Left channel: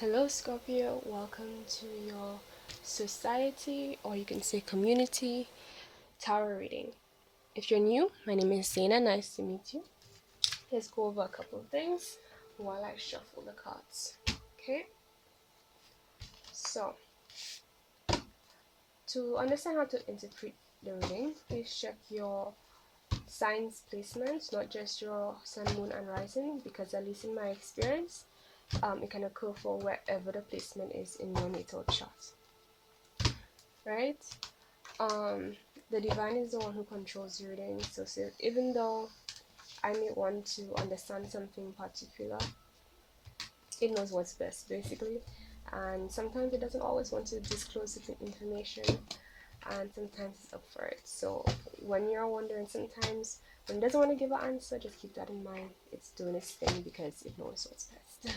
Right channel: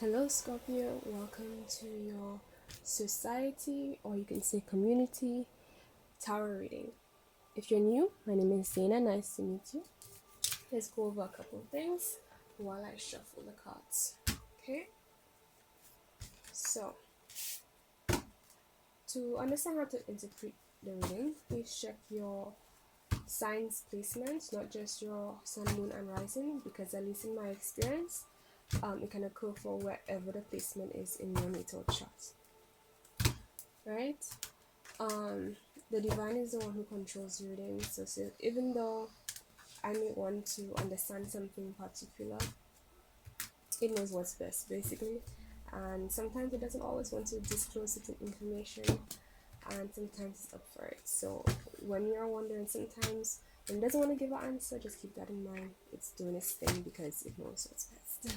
Hello, Scorpio. Welcome to your society, or you can say community, tarot reading. If you're new, my name is Zaina. Nice to meet you. Let's go over a couple of things while I shuffle the cards. Okay? So, to understand how to interpret the reading, please check your signs placements, not just your sun, moon, and rising, because at least in my experience, it can occur for wherever the placement is in your natal chart. Right? um the divine is the one who controls your reading, so even though I may want to understand something particular, it knows what's best basically, and sometimes it doesn't always want to disclose certain information, and sometimes it's up for it. So when you're wondering, sometimes when it doesn't want to give an answer, just keep that in mind. It's doing its thing because it knows what's best.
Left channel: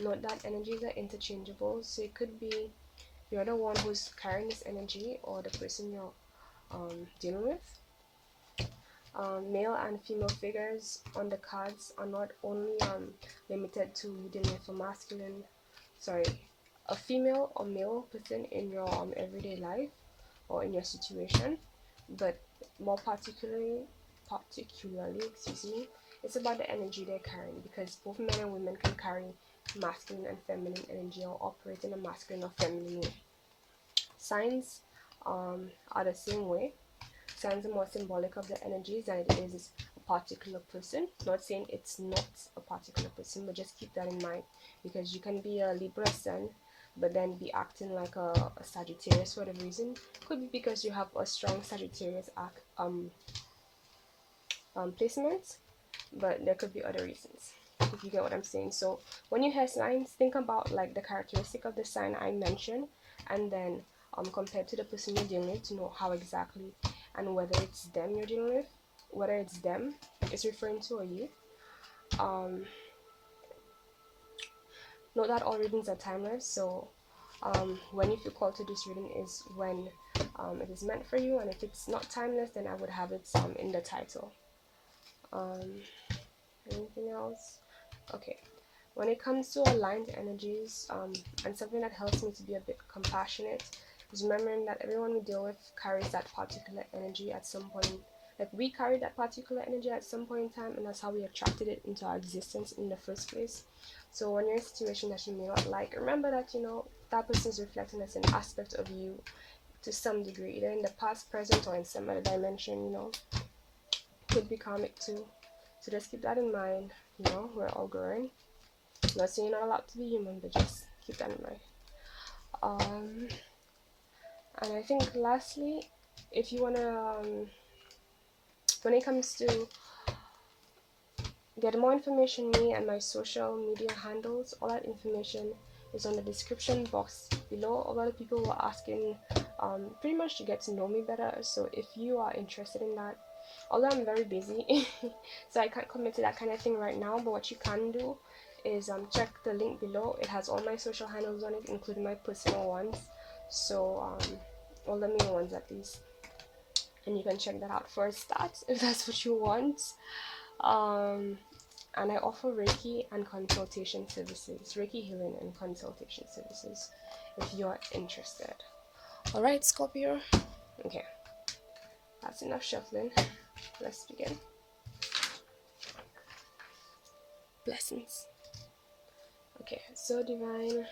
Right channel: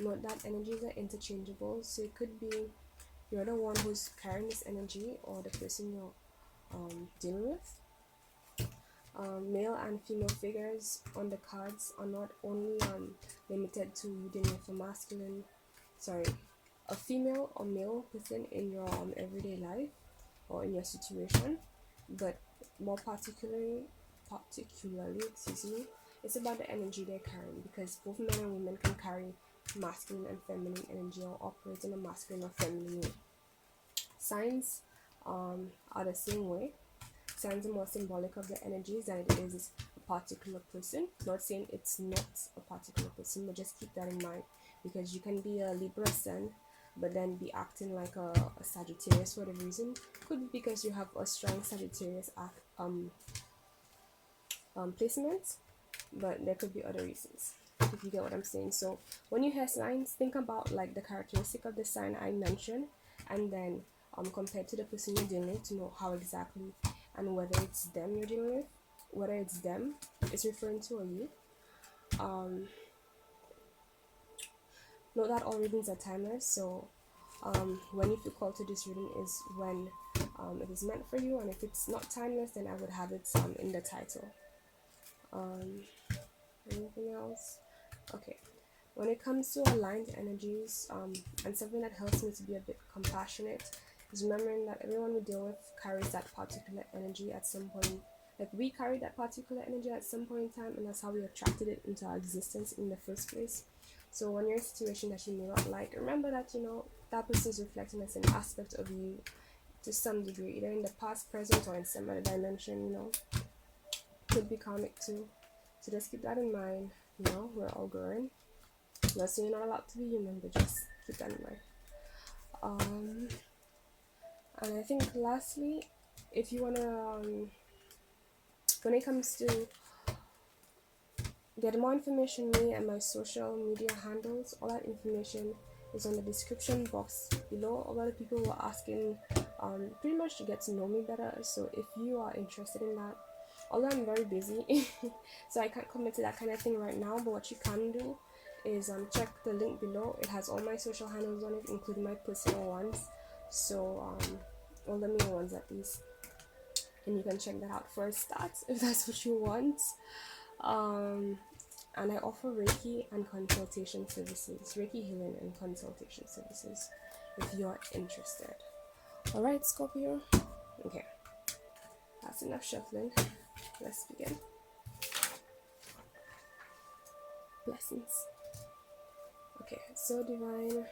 Note that energies are interchangeable, so it could be you're the one who's carrying this energy, or the person you're dealing with. Male and female figures on the cards are not only limited to you dealing with a female or male person in your everyday life or in your situation, but more particularly, excuse me, it's about the energy they're carrying, because both men and women can carry masculine and feminine energy, or operate in a masculine or feminine way. Signs are the same way. Signs are more symbolic of the energies than it is a particular person. Not saying it's not a particular person, but just keep that in mind, because you can be a Libra sun but then be acting like a Sagittarius for whatever reason. Could be because you have a strong Sagittarius placement, but there could be other reasons, if you get what I'm saying. So when you hear signs, think about like the characteristic of the sign I mentioned, and then compared to the person you're dealing with, to know how exactly, and whether it's them you're dealing with, whether it's them it's referring to, or you. Note that all readings are timeless, so when you feel called to this reading is when it is meant for you, and if it's not timeless, then I would have it in the title. Anything else? Okay. When it comes to aligned energies, and something that helps me to be a bit compassionate, is remembering that everyone we deal with carries that particular energy at some point. Like, we carry that particular energy at some point in time, and that's how we attracted it into our existence in the first place. So when you're in a situation that you may not like, remember that, that person is reflecting as an aspect of you to some degree, either in the past, present, or in some other dimension. Could be karmic too. So just keep that in mind. We're all growing. Not saying you're not allowed to be human, but just keep that in mind. And I think lastly, if you wanna, when it comes to get more information, me and my social media handles, all that information is on the description box below. A lot of people were asking pretty much to get to know me better, so if you are interested in that, although I'm very busy so I can't commit to that kind of thing right now, but what you can do is check the link below. It has all my social handles on it, including my personal ones, so all the main ones at least, and you can check that out for a start if that's what you want. And I offer Reiki and consultation services, Reiki healing and consultation services, if you're interested. Alright, Scorpio. Okay, that's enough shuffling. Let's begin. Blessings. Okay, so divine,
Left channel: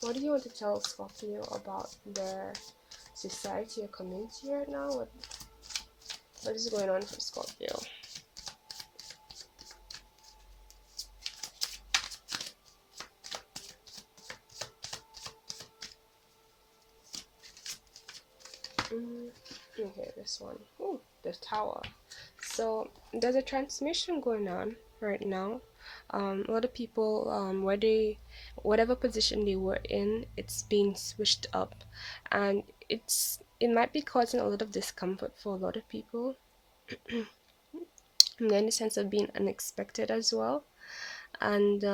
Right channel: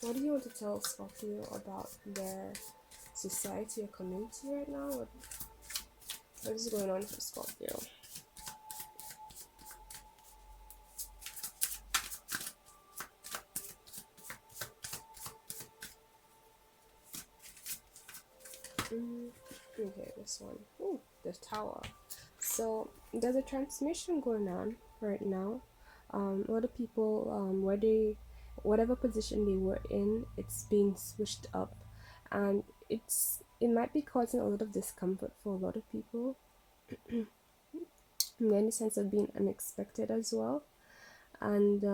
what do you want to tell Scorpio about their society or community right now? What is going on for Scorpio? Okay, this one. Ooh, the Tower. So there's a transmission going on right now. A lot of people, whatever position they were in, it's being switched up, and it might be causing a lot of discomfort for a lot of people. In the sense of being unexpected as well. And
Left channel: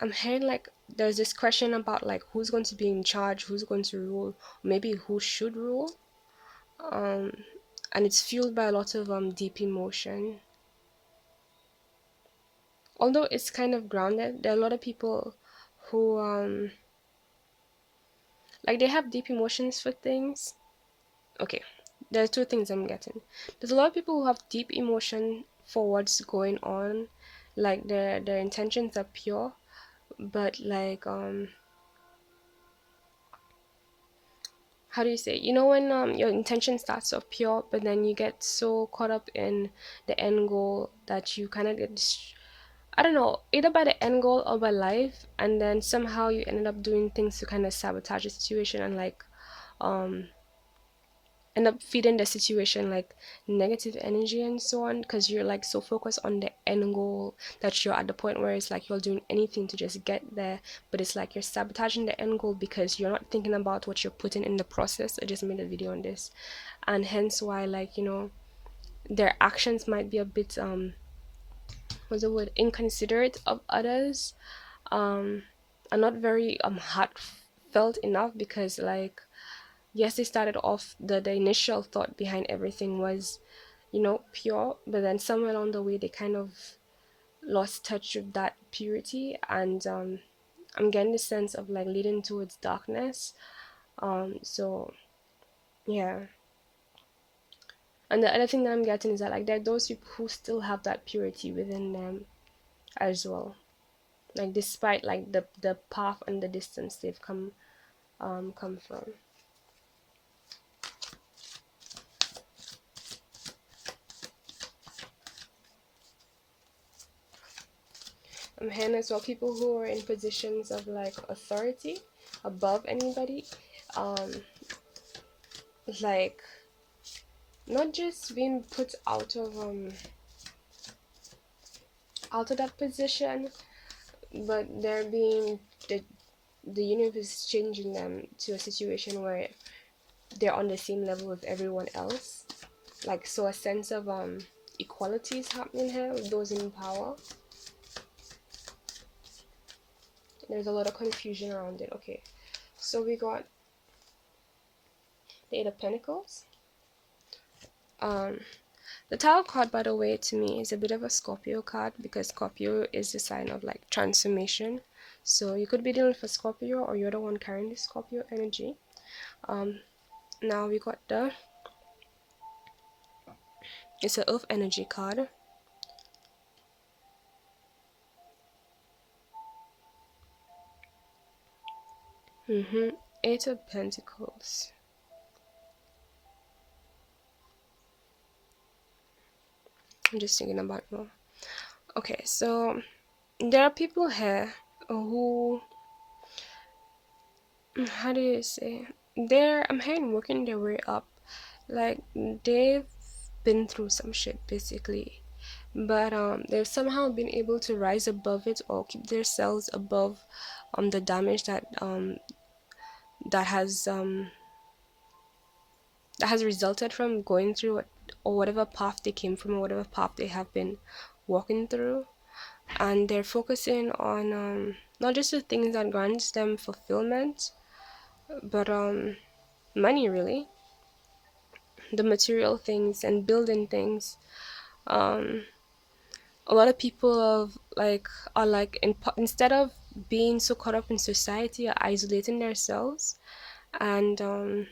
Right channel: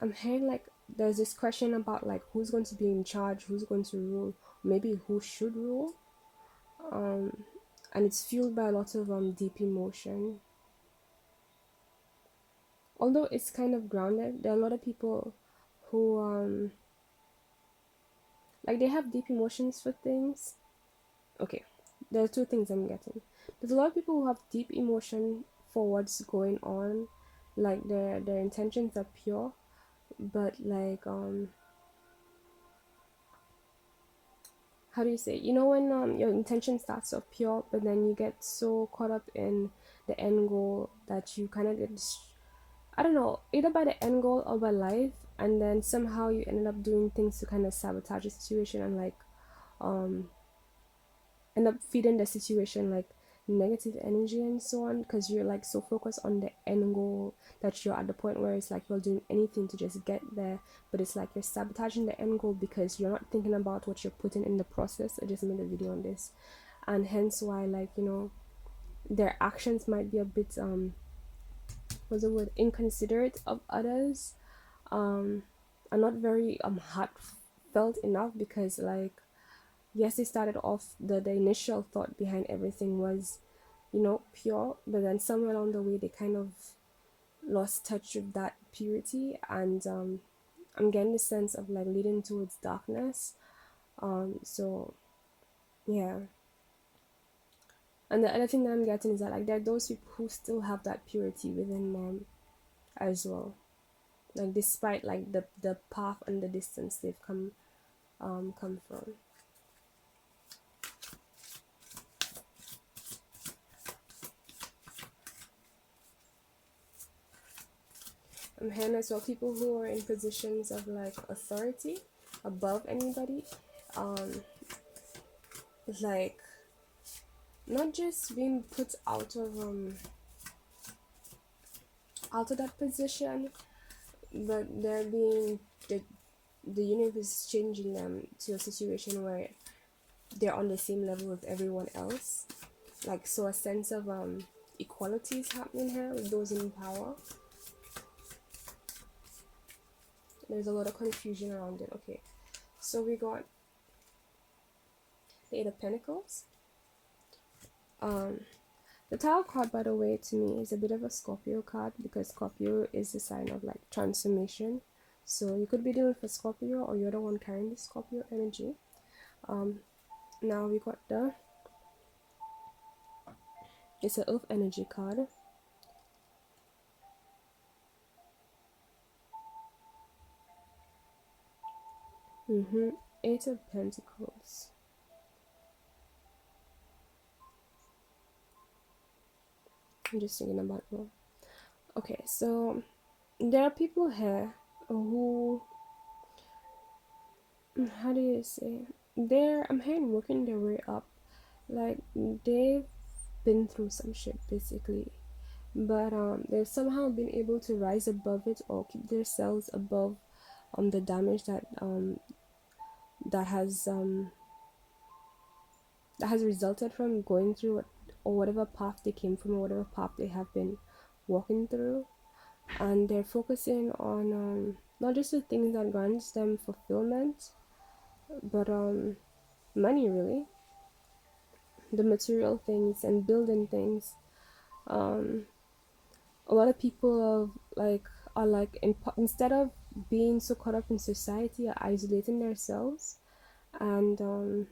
I'm hearing like there's this question about like who's going to be in charge, who's going to rule, maybe who should rule. And it's fueled by a lot of deep emotion. although it's kind of grounded, there are a lot of people who like they have deep emotions for things. Okay, there are two things I'm getting. There's a lot of people who have deep emotion for what's going on, like their intentions are pure, but like how do you say, you know, when your intention starts off pure, but then you get so caught up in the end goal that you kind of get I don't know, either by the end goal or by life, and then somehow you ended up doing things to kind of sabotage the situation and like um end up feeding the situation like negative energy and so on, because you're like so focused on the end goal that you're at the point where it's like you're doing anything to just get there, but it's like you're sabotaging the end goal because you're not thinking about what you're putting in the process. I just made a video on this, and hence why, like, you know, their actions might be a bit what's the word, inconsiderate of others, um and not very heartfelt enough, because like yes, they started off, the initial thought behind everything was, you know, pure, but then somewhere along the way they kind of lost touch with that purity, and I'm getting the sense of like leading towards darkness. So yeah. And the other thing that I'm getting is that like there are those people who still have that purity within them as well, like despite like the path and the distance they've come from. I'm hearing as well people who are in positions of like authority above anybody, um like not just being put out of that position, but they're being the universe is changing them to a situation where they're on the same level with everyone else, like, so a sense of equality is happening here with those in power. There's a lot of confusion around it. Okay, so we got the Eight of Pentacles. The Tower card, by the way, to me is a bit of a Scorpio card, because Scorpio is the sign of like transformation. So you could be dealing with a Scorpio, or you're the one carrying the Scorpio energy. Now we got it's an Earth energy card. Eight of Pentacles. I'm just thinking about more. Okay, so there are people here who, how do you say, I'm hearing working their way up, like they've been through some shit basically, but they've somehow been able to rise above it, or keep themselves above the damage that that has resulted from going through it, or whatever path they came from, or whatever path they have been walking through. And they're focusing on not just the things that grants them fulfillment, but money, really, the material things and building things. A lot of people are like instead of being so caught up in society, are isolating themselves, and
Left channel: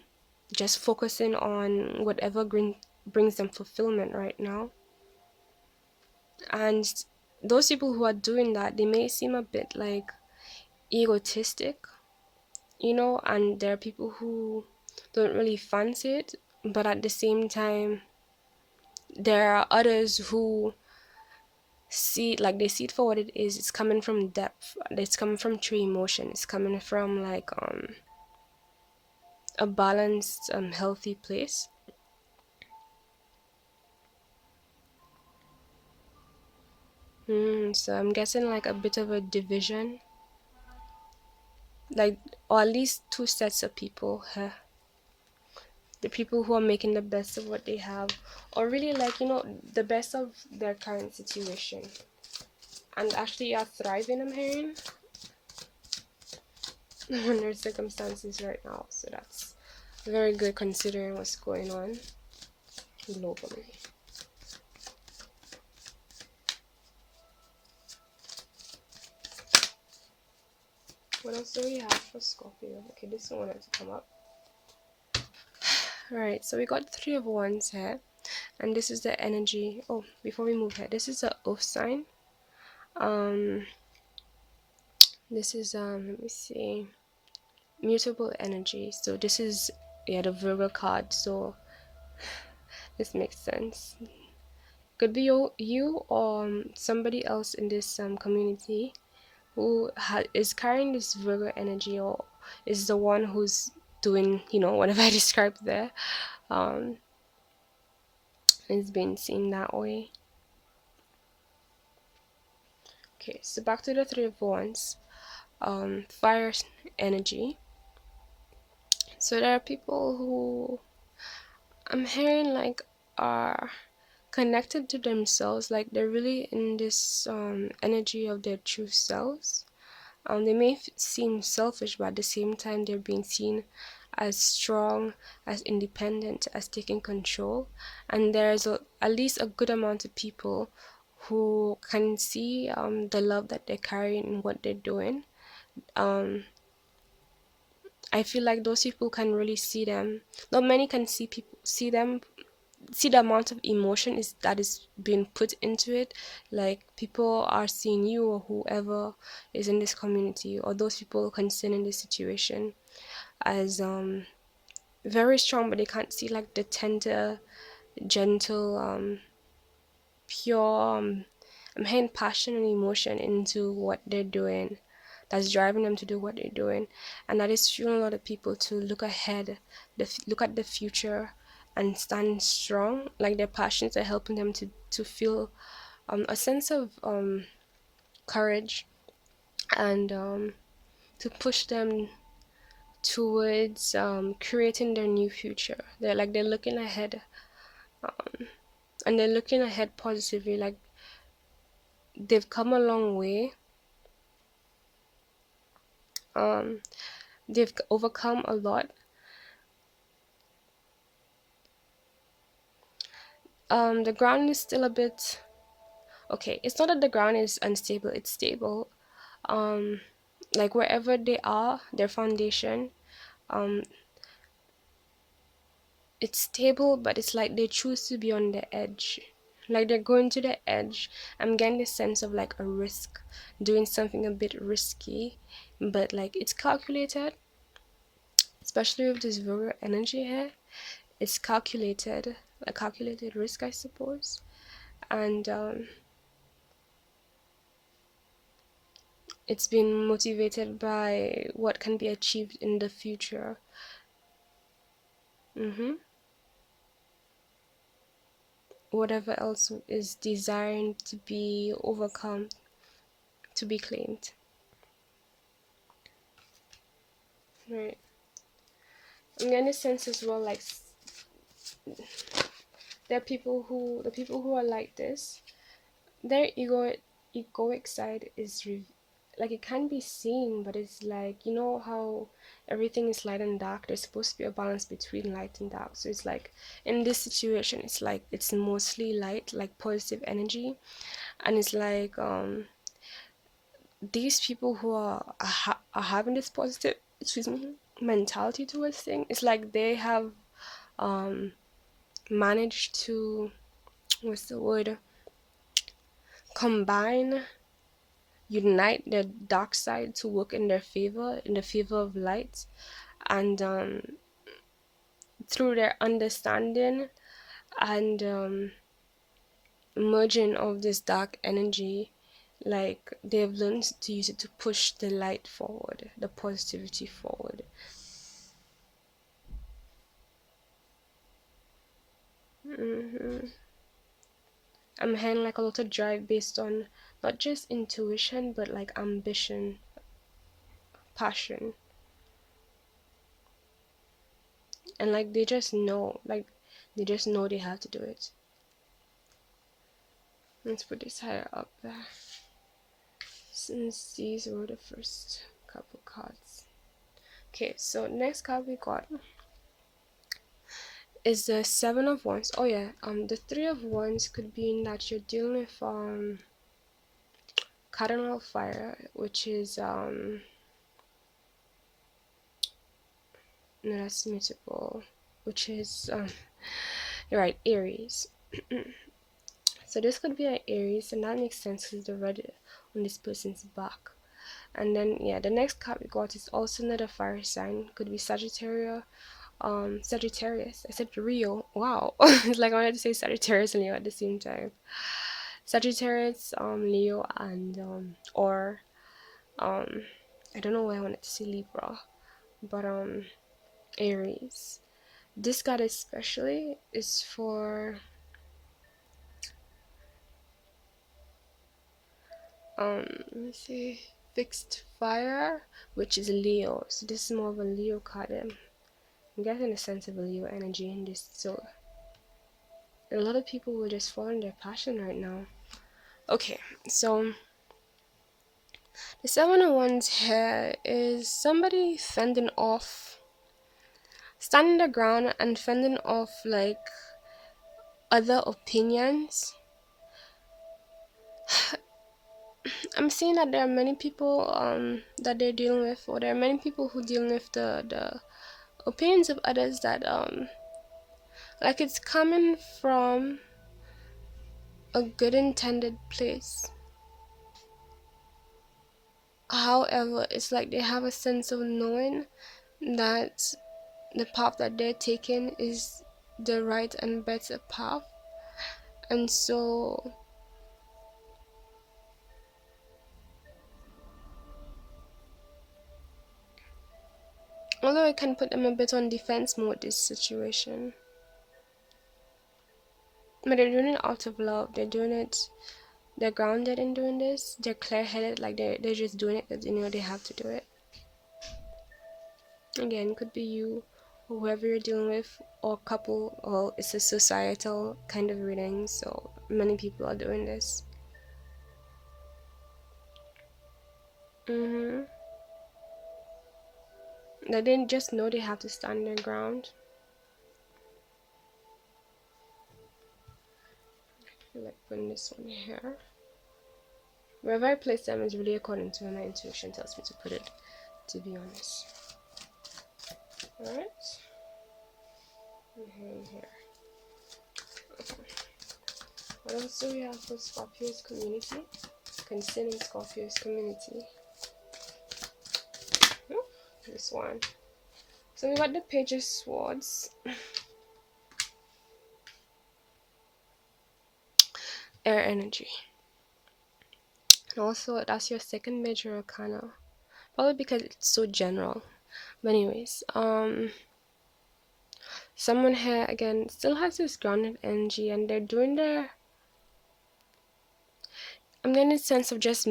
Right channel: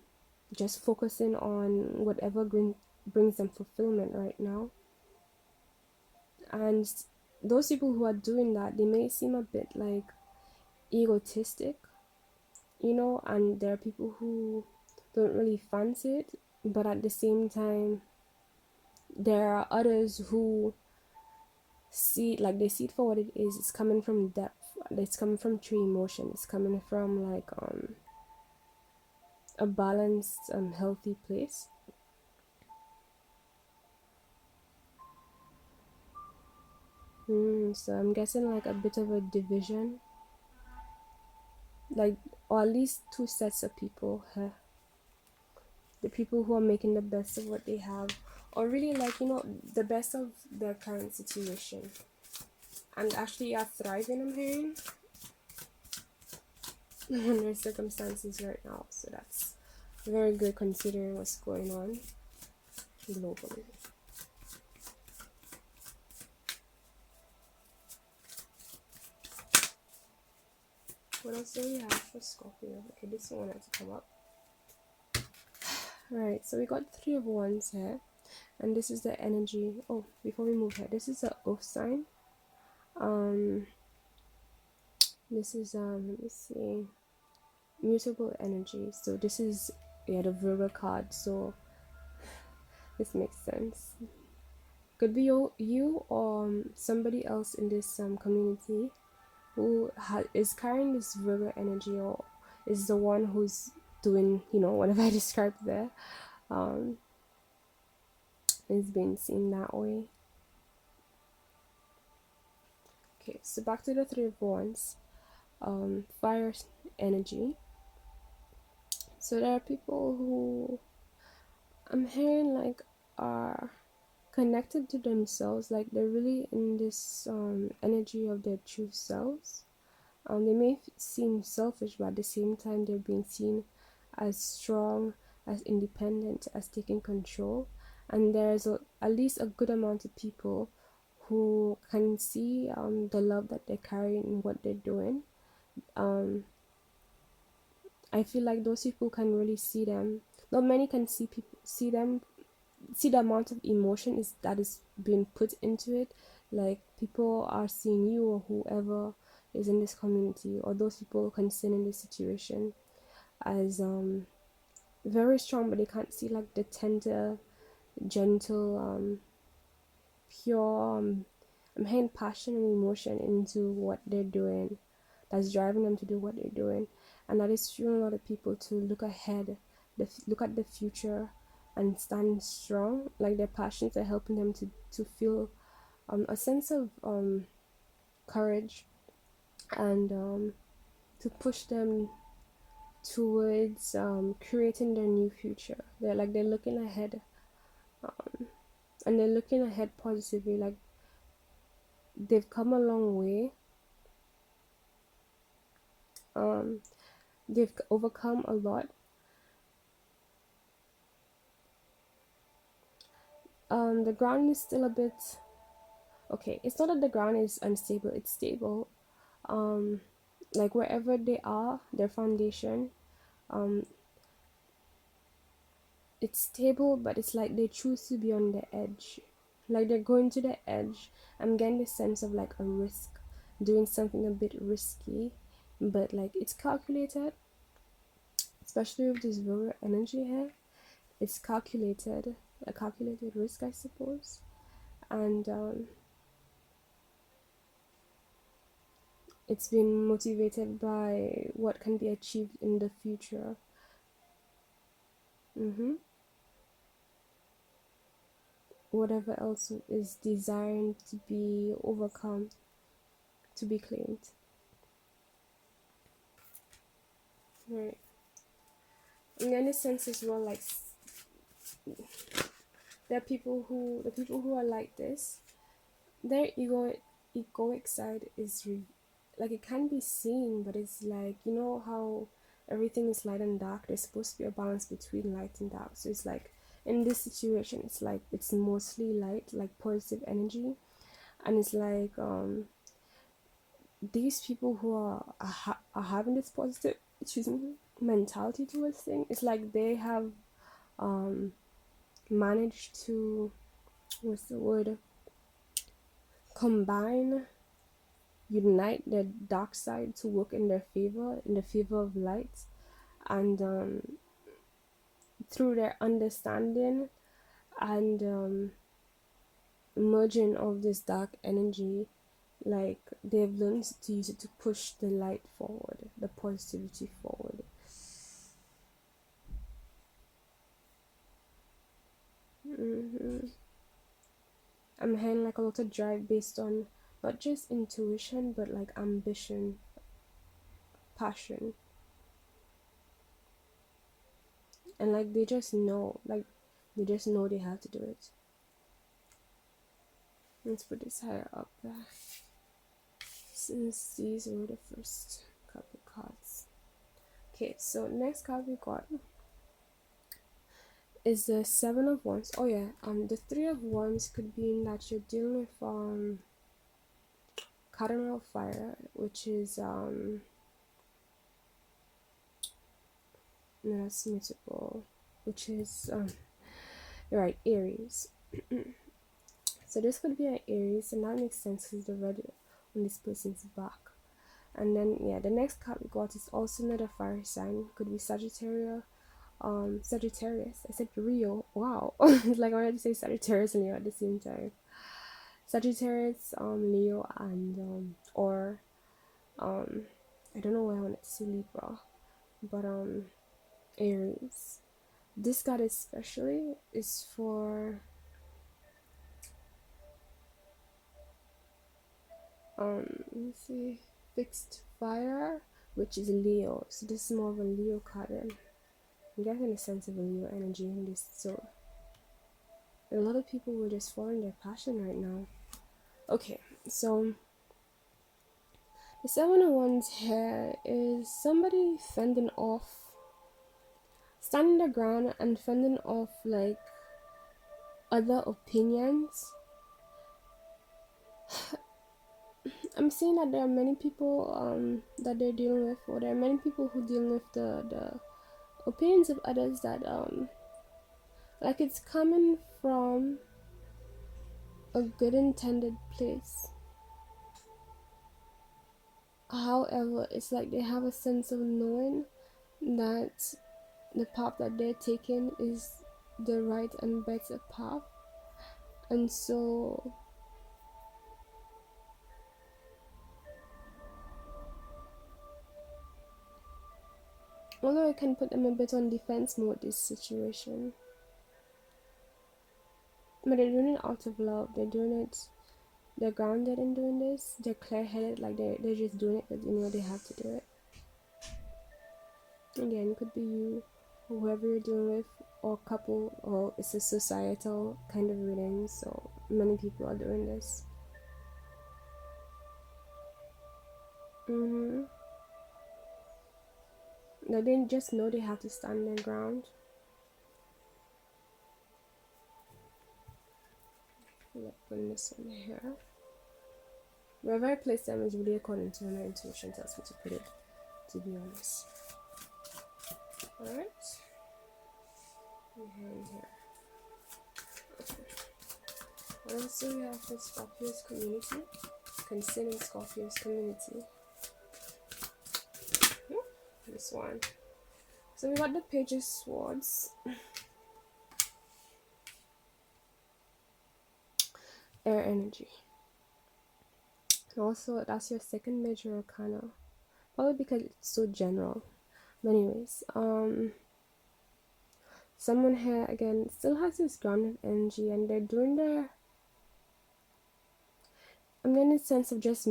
just focusing on whatever brings them fulfillment right now. And those people who are doing that, they may seem a bit like egotistic, you know, and there are people who don't really fancy it, but at the same time there are others who see, like, they see it for what it is. It's coming from depth, it's coming from true emotion, it's coming from like a balanced healthy place. So I'm guessing like a bit of a division, like, or at least two sets of people here. The people who are making the best of what they have, or really, like, you know, the best of their current situation, and actually are thriving, I'm hearing, in their circumstances right now. So that's very good considering what's going on globally. What else do we have for Scorpio? Okay, this one wanted to come up. Alright, so we got 3 of Wands here, and this is the energy. Oh, before we move here, this is the Earth sign. This is let me see, mutable energy. So this is, yeah, the Virgo card. So this makes sense. Could be you or somebody else in this community who is carrying this Virgo energy, or is the one who's doing, whatever I described there. It's been seen that way. Okay, so back to the 3 of Wands. Fire energy. So there are people who I'm hearing like are connected to themselves, like they're really in this energy of their true selves. They may seem selfish, but at the same time they're being seen as strong, as independent, as taking control. And there's at least a good amount of people who can see the love that they're carrying in what they're doing. I feel like those people can really see them. Not many can see them, see the amount of emotion that is being put into it. Like people are seeing you or whoever is in this community, or those people concerned in this situation, as very strong, but they can't see like the tender, gentle, pure, I'm hearing passion and emotion into what they're doing, that's driving them to do what they're doing. And that is fueling a lot of people to look ahead, look at the future, and stand strong. Like their passions are helping them to feel a sense of courage, and to push them towards creating their new future. They're looking ahead, and they're looking ahead positively. Like they've come a long way. They've overcome a lot. The ground is still a bit okay. It's not that the ground is unstable, it's stable. Like wherever they are, their foundation, um it's stable, but it's like they choose to be on the edge. Like they're going to the edge. I'm getting the sense of like a risk, doing something a bit risky, but like it's calculated, especially with this Virgo energy here. It's calculated, a calculated risk, I suppose. And it's been motivated by what can be achieved in the future. Whatever else is desiring to be overcome, to be claimed. Right. I'm getting a sense as well, like there are the people who are like this, their egoic side is like it can be seen, but it's like, how everything is light and dark. There's supposed to be a balance between light and dark. So it's like in this situation, it's like it's mostly light, like positive energy. And it's like these people who are having this positive, mentality towards things, it's like they have managed to, what's the word, combine, unite their dark side to work in their favor, in the favor of light. And through their understanding and merging of this dark energy, like they've learned to use it to push the light forward, the positivity forward. I'm hearing like a lot of drive based on not just intuition, but like ambition, passion. And like they just know, they have to do it. Let's put this higher up there, since these were the first couple cards. Okay, so next card we got is the 7 of Wands. Oh yeah, the 3 of Wands could be in that you're dealing with cardinal fire, which is no, that's mutable, which is you're right, Aries. So this could be an Aries, and that makes sense because the red on this person's back. And then yeah, the next card we got is also another fire sign. Could be Sagittarius. Sagittarius. I said Rio. Wow. It's like I wanted to say Sagittarius and Leo at the same time. Sagittarius, Leo, and or um I don't know why I wanted to say Libra, but Aries. This card especially is for let me see, fixed fire, which is Leo. So this is more of a Leo card. I'm getting a sense of a Leo energy in this. So a lot of people will just follow their passion right now. Okay, so the Seven of Wands here is somebody fending off, standing their ground and fending off like other opinions. I'm seeing that there are many people that they're dealing with, or there are many people who dealing with the opinions of others that like it's coming from a good intended place. However, it's like they have a sense of knowing that the path that they're taking is the right and better path, and so although I can put them a bit on defense mode this situation, but they're doing it out of love. They're doing it, they're grounded in doing this, they're clear-headed, like they're just doing it because they know they have to do it. Again, could be you or whoever you're dealing with, or couple, or it's a societal kind of reading, so many people are doing this. They didn't just know they have to stand their ground. I feel like putting this one here. Wherever I place them is really according to where my intuition tells me to put it, to be honest. Alright. And here. Okay. What else do we have for Scorpio's community? Concerning Scorpio's community. This one. So we got the Page of Swords. Air energy. And also that's your second major arcana. Probably because it's so general. But anyways, someone here again still has this grounded energy, and they're doing their, I'm getting a sense of just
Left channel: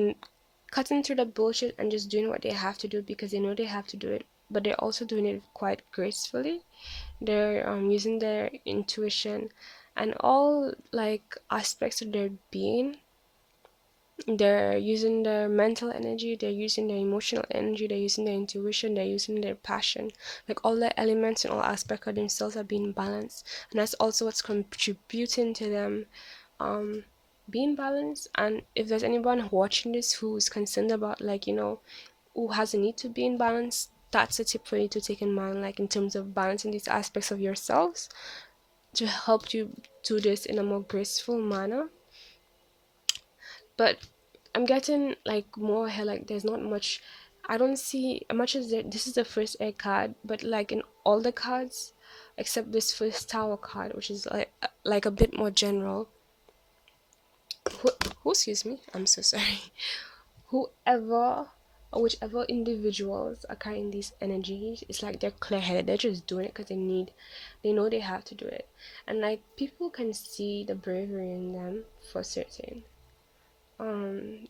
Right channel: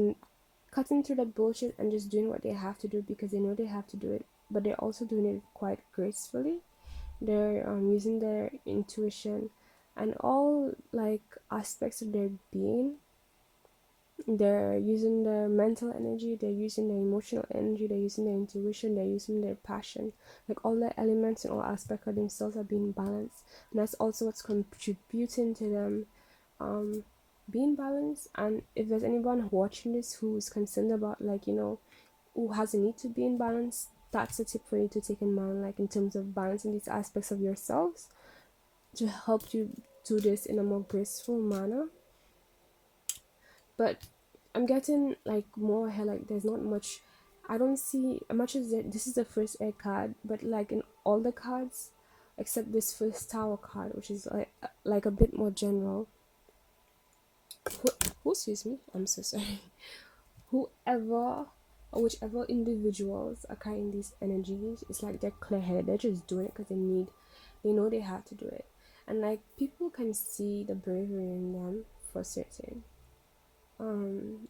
cutting through the bullshit and just doing what they have to do because they know they have to do it, but they're also doing it quite gracefully. They're using their intuition and all like aspects of their being. They're using their mental energy, they're using their emotional energy, they're using their intuition, they're using their passion. Like all the elements and all aspects of themselves are being balanced, and that's also what's contributing to them being balanced. And if there's anyone watching this who's concerned about, like, you know, who has a need to be in balance, that's a tip for you to take in mind, like in terms of balancing these aspects of yourselves to help you do this in a more graceful manner. But I'm getting like more here, like there's not much, I don't see much as this is the first air card, but like in all the cards except this first tower card, which is like a bit more general. Excuse me, I'm so sorry. Whoever or whichever individuals are carrying these energies, it's like they're clear-headed, they're just doing it because they know they have to do it, and like people can see the bravery in them for certain. And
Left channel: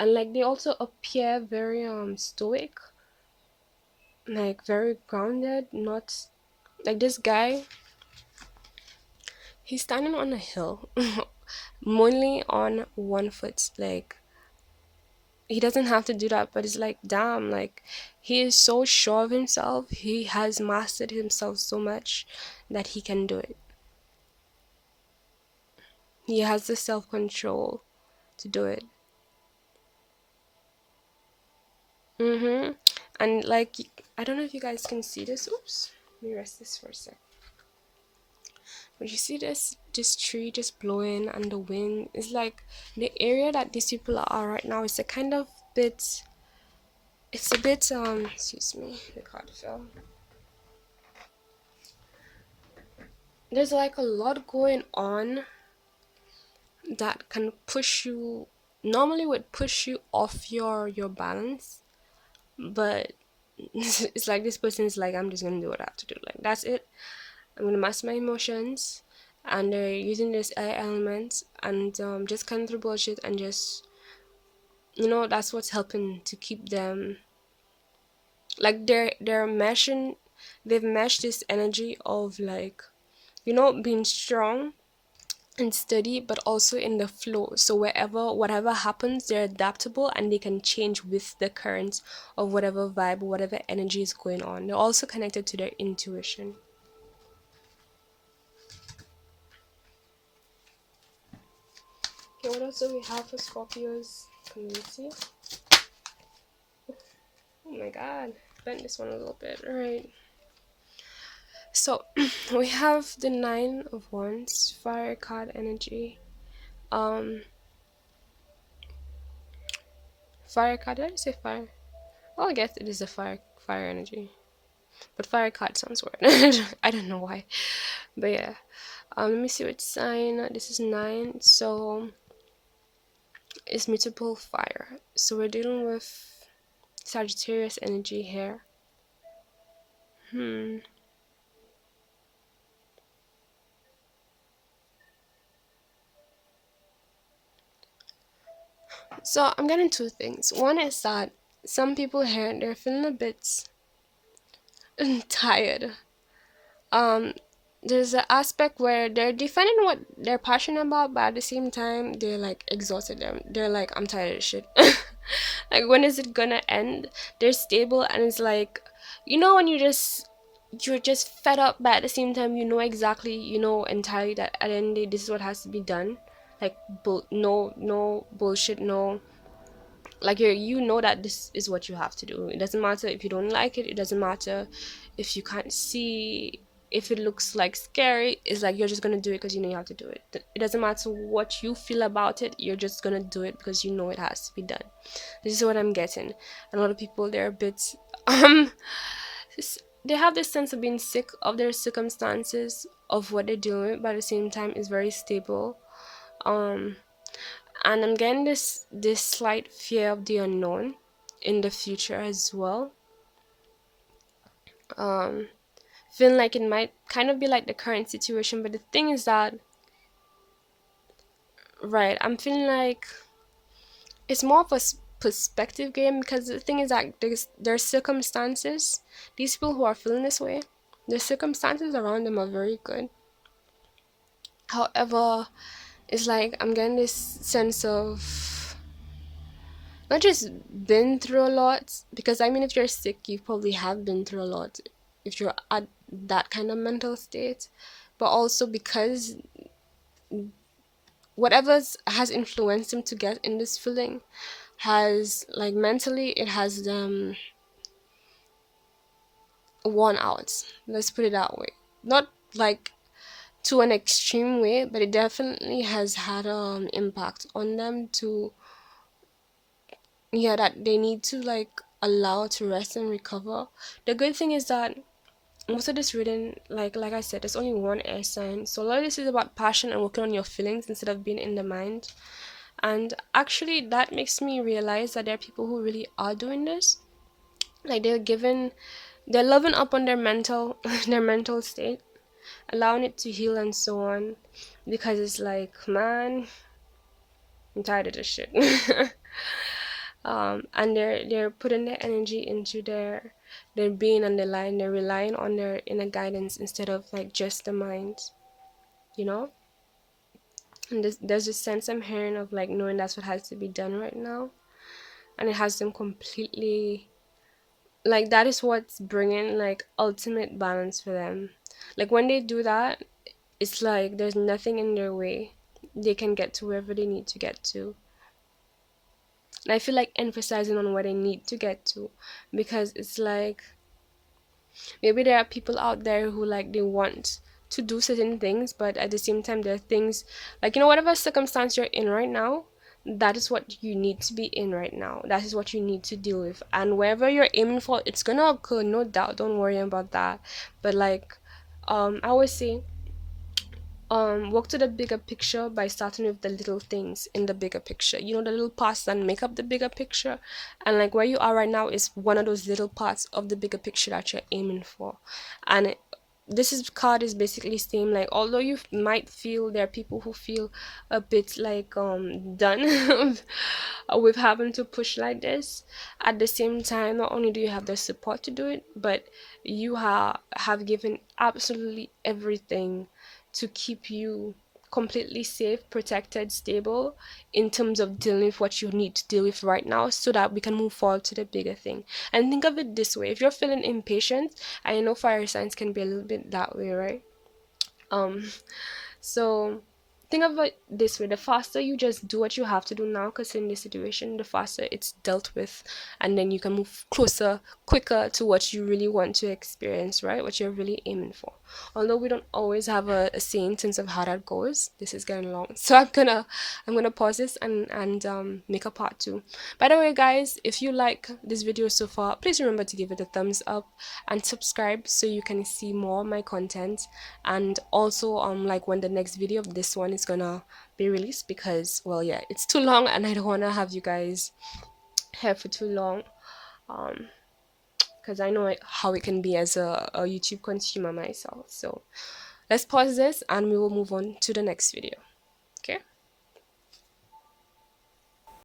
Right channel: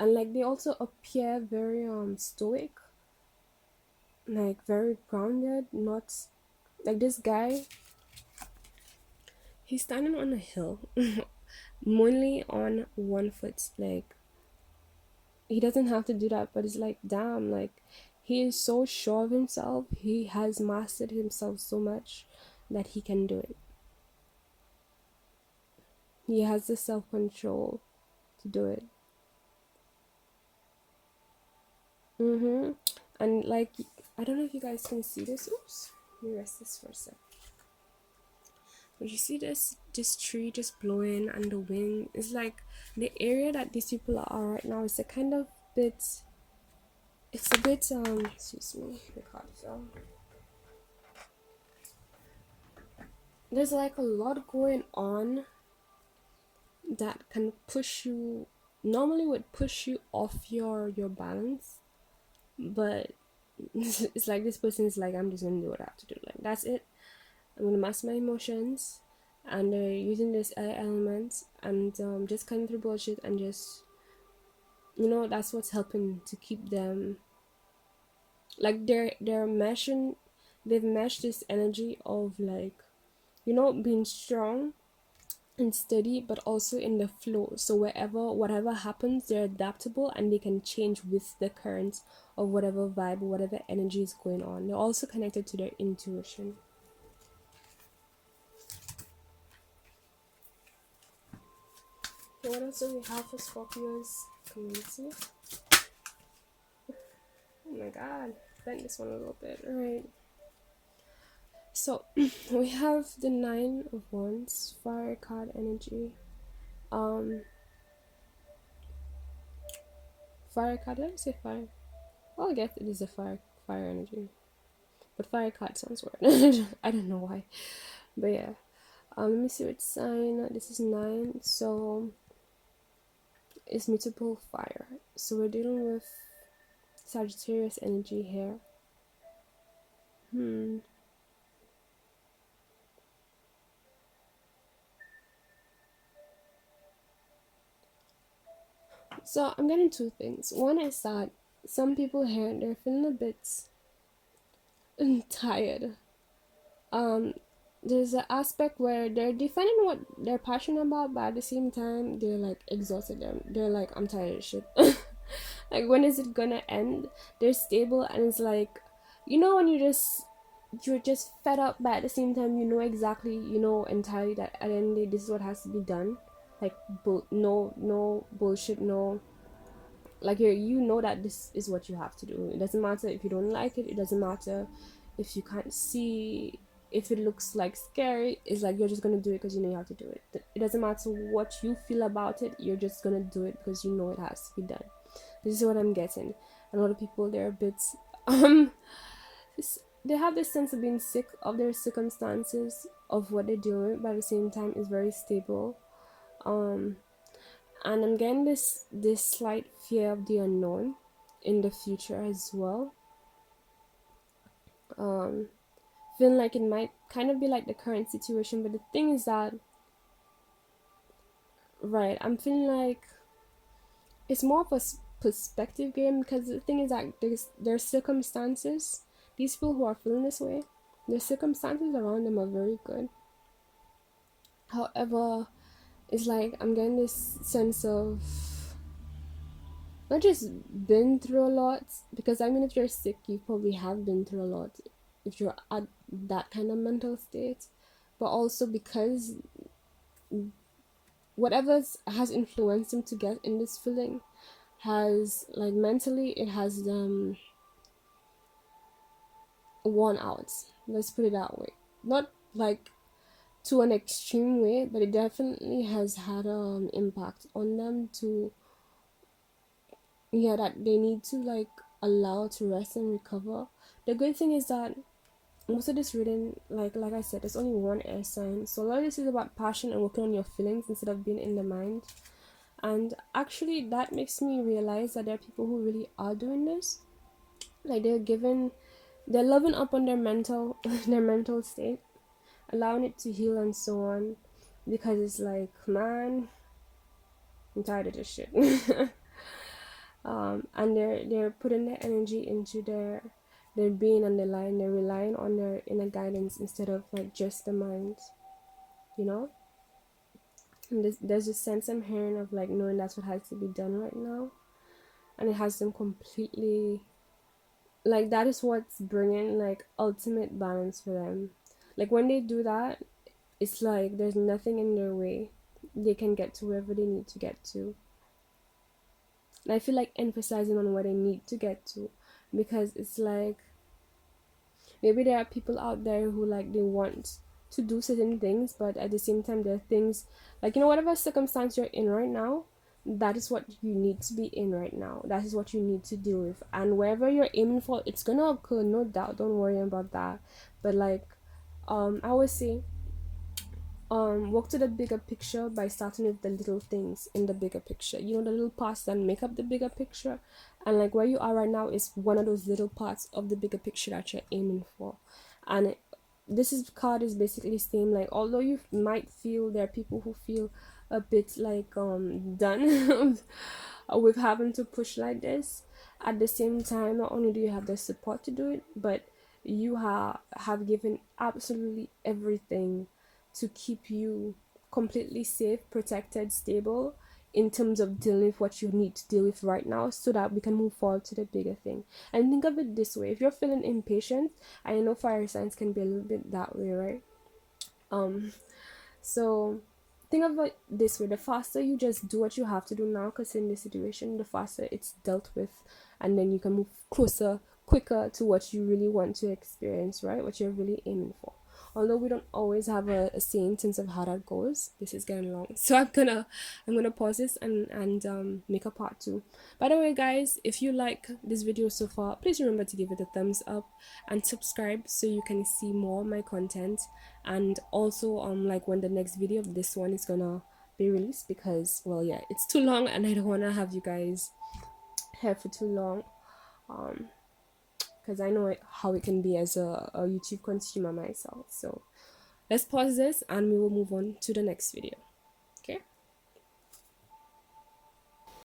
like they also appear very stoic, like very grounded, not like this guy, he's standing on a hill only on one foot. Like he doesn't have to do that, but it's like damn, like he is so sure of himself, he has mastered himself so much that he can do it. He has the self-control to do it. And like I don't know if you guys can see this. Oops, Let me rest this for a sec. But you see this tree just blowing, and the wind is like the area that these people are right now is a kind of bit. It's a bit excuse me, the card fell. There's like a lot going on that can push you, normally would push you off your balance, but it's like this person is like, I'm just gonna do what I have to do, like that's it. I'm gonna master my emotions, and they're using this air element and just cutting through bullshit, and just, that's what's helping to keep them, like they're meshing, they've meshed this energy of like, being strong and steady, but also in the flow. So whatever happens, they're adaptable and they can change with the currents of whatever vibe, whatever energy is going on. They're also connected to their intuition. Okay, what else do we have for Scorpio's community? Oh my god, bend this one a little bit. Alright. So we have the Nine of Wands, fire card energy. Fire card, did I say fire? Well, I guess it is a fire energy. But fire card sounds weird. I don't know why. But yeah. Let me see which sign. This is 9. So it's mutable fire. So we're dealing with Sagittarius energy here. So I'm getting two things. One is that some people here, they're feeling a bit tired. There's an aspect where they're defending what they're passionate about, but at the same time they're like exhausted. They're like, I'm tired of shit. Like, when is it gonna end? They're stable, and it's like, when you're just fed up, but at the same time exactly, entirely that at the end of the day this is what has to be done. Like, no bullshit, no, like, that this is what you have to do. It doesn't matter if you don't like it. It doesn't matter if you can't see, if it looks like scary. It's like, you're just gonna do it because you have to do it. It doesn't matter what you feel about it. You're just gonna do it because it has to be done. This is what I'm getting. And a lot of people, they're a bit they have this sense of being sick of their circumstances, of what they're doing, but at the same time is very stable. And I'm getting this slight fear of the unknown in the future as well. Feeling like it might kind of be like the current situation, but the thing is that, right, I'm feeling like it's more of a perspective game, because the thing is that their circumstances, these people who are feeling this way, the circumstances around them are very good. However, it's like I'm getting this sense of not just been through a lot, because I mean, if you're sick, you probably have been through a lot if you're at that kind of mental state, but also because whatever has influenced them to get in this feeling has, like, mentally, it has them worn out. Let's put it that way. Not like to an extreme way, but it definitely has had impact on them to, that they need to, like, allow to rest and recover. The good thing is that most of this reading, like I said, there's only one air sign, so a lot of this is about passion and working on your feelings instead of being in the mind. And actually, that makes me realize that there are people who really are doing this. Like, they're loving up on their mental their mental state, allowing it to heal and so on, because it's like, man, I'm tired of this shit. And they're putting their energy into their being on the line. They're relying on their inner guidance instead of, like, just the mind, you know. And there's this sense I'm hearing of, like, knowing that's what has to be done right now, and it has them completely, like, that is what's bringing, like, ultimate balance for them. Like, when they do that, it's like there's nothing in their way. They can get to wherever they need to get to. And I feel like emphasizing on what they need to get to, because it's like, Maybe there are people out there who like they want to do certain things, but at the same time there are things like, you know, whatever circumstance you're in right now, that is what you need to be in right now. That is what you need to deal with, and wherever you're aiming for, it's gonna occur, no doubt. Don't worry about that. But like, I always say, work to the bigger picture by starting with the little things in the bigger picture, you know, the little parts that make up the bigger picture. And like where you are right now is one of those little parts of the bigger picture that you're aiming for. And this is card is basically saying, like, although you might feel, there are people who feel a bit like done with having to push like this, at the same time, not only do you have the support to do it, but you have given absolutely everything to keep you completely safe, protected, stable in terms of dealing with what you need to deal with right now, so that we can move forward to the bigger thing. And think of it this way: if you're feeling impatient, I know fire signs can be a little bit that way, right? um so think of it this way: the faster you just do what you have to do now, because in this situation, the faster it's dealt with, and then you can move closer, quicker to what you really want to experience, right? What you're really aiming for. Although we don't always have a say in terms of how that goes. This is getting long, so I'm gonna pause this and make a part two. By the way, guys, if you like this video so far, please remember to give it a thumbs up and subscribe so you can see more of my content. And also like when the next video of this one is gonna be released, because, well, yeah, it's too long and I don't want to have you guys here for too long, because I know how it can be as a YouTube consumer myself. So let's pause this and we will move on to the next video.